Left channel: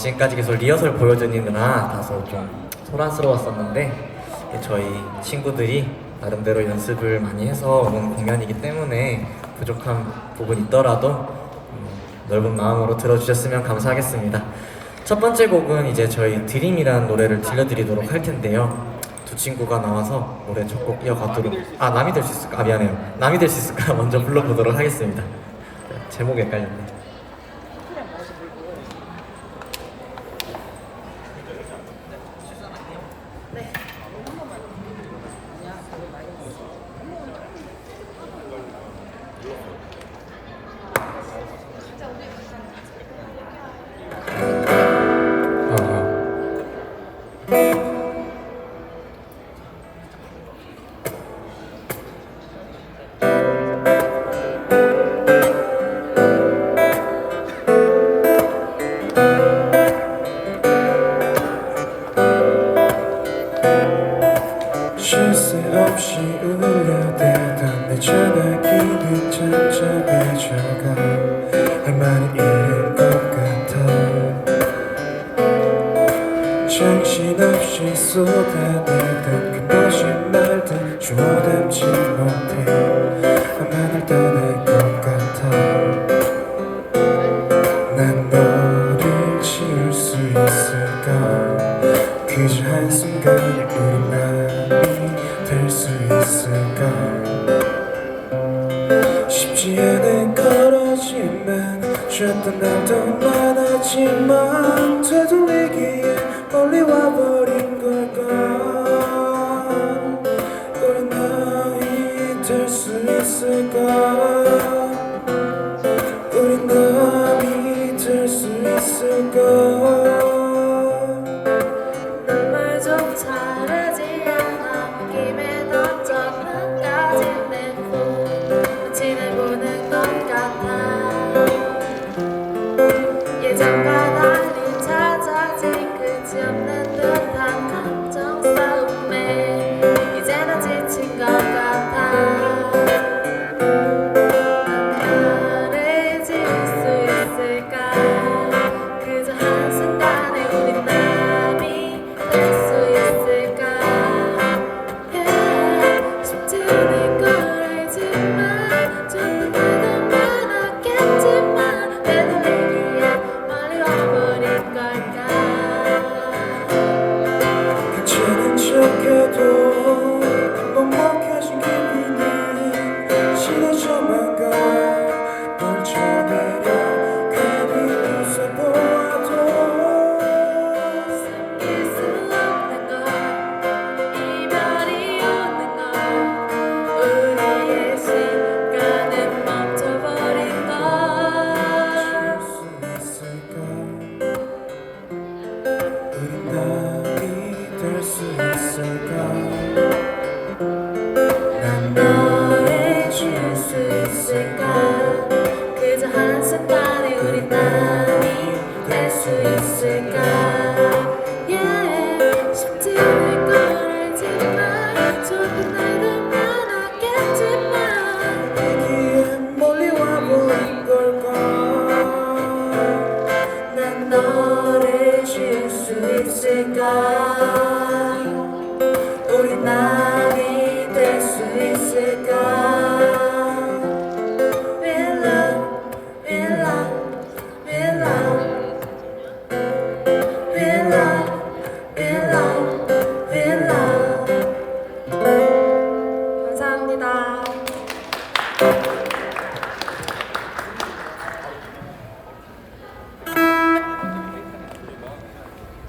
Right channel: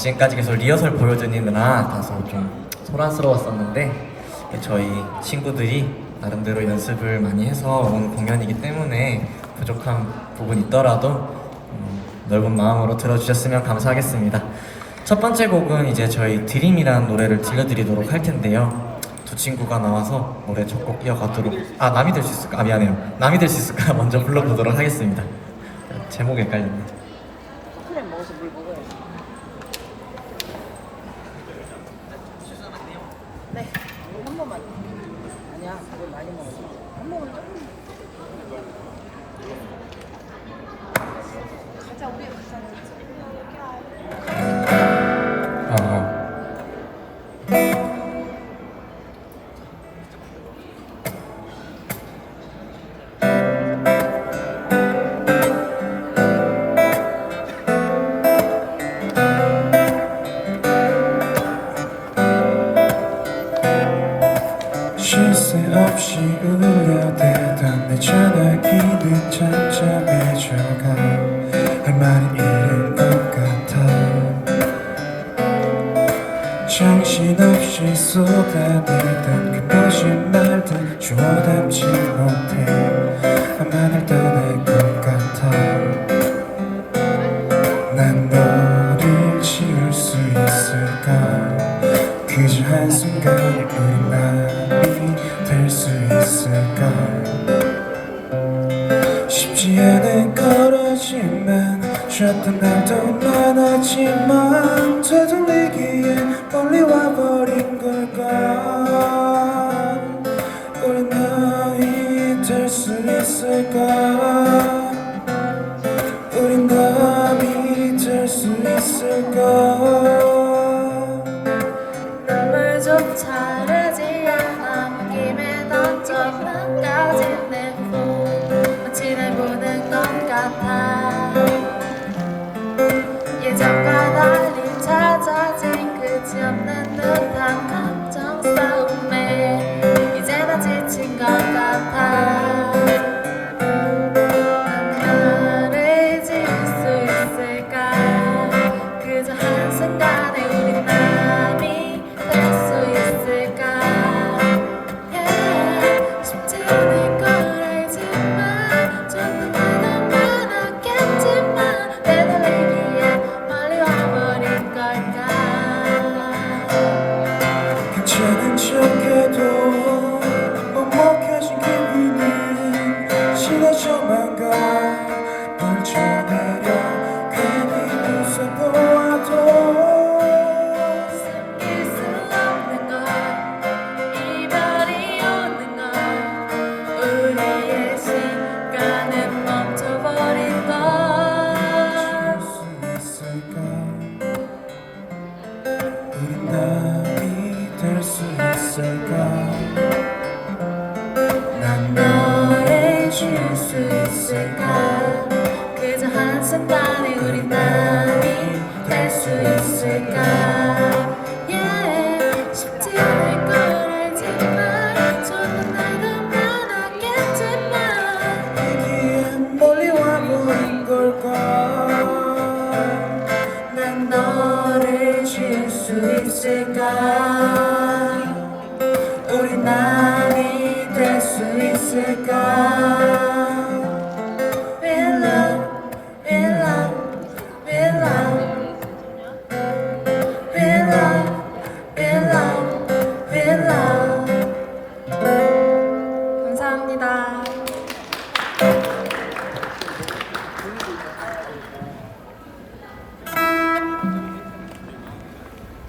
지금까지 계속 리허설 보여드리느라 다소 좀 소란스러웠었는데 네, 저희 친구들이 나름대로 연습을 많이 해서 온 공연이기 때문에 부족한 부분 있더라도 음, 넓은 마음으로 들어주셨으면 감사하겠습니다. 첫 번째 곡은 이제 저희 드림이라는 노래를 들려드리도록 할 텐데요. 두 친구가 나와서 노래 첫 곡 이어가도록 아 남이 될 수 있을까? 아 미안해요. 남이 될 수 있을까? 먼저 불러보도록 하겠습니다. 네, 제목이 헷갈렸네. 쉴새 없이 울려대던 내 전화기는 잠잠해져가. 할 말은 잃은 것 같아. 정신없이 쏟아내던 그 거짓말들 주워 담지 못해 있을까? 쉽지 않은 거라지만 쉬었던 날도 많았지만 서둘리기에 멀리 와버린 걸까 우리 남이 될 수 있을까? 우리 남이 될 수 있을까 척해도 너를 줄수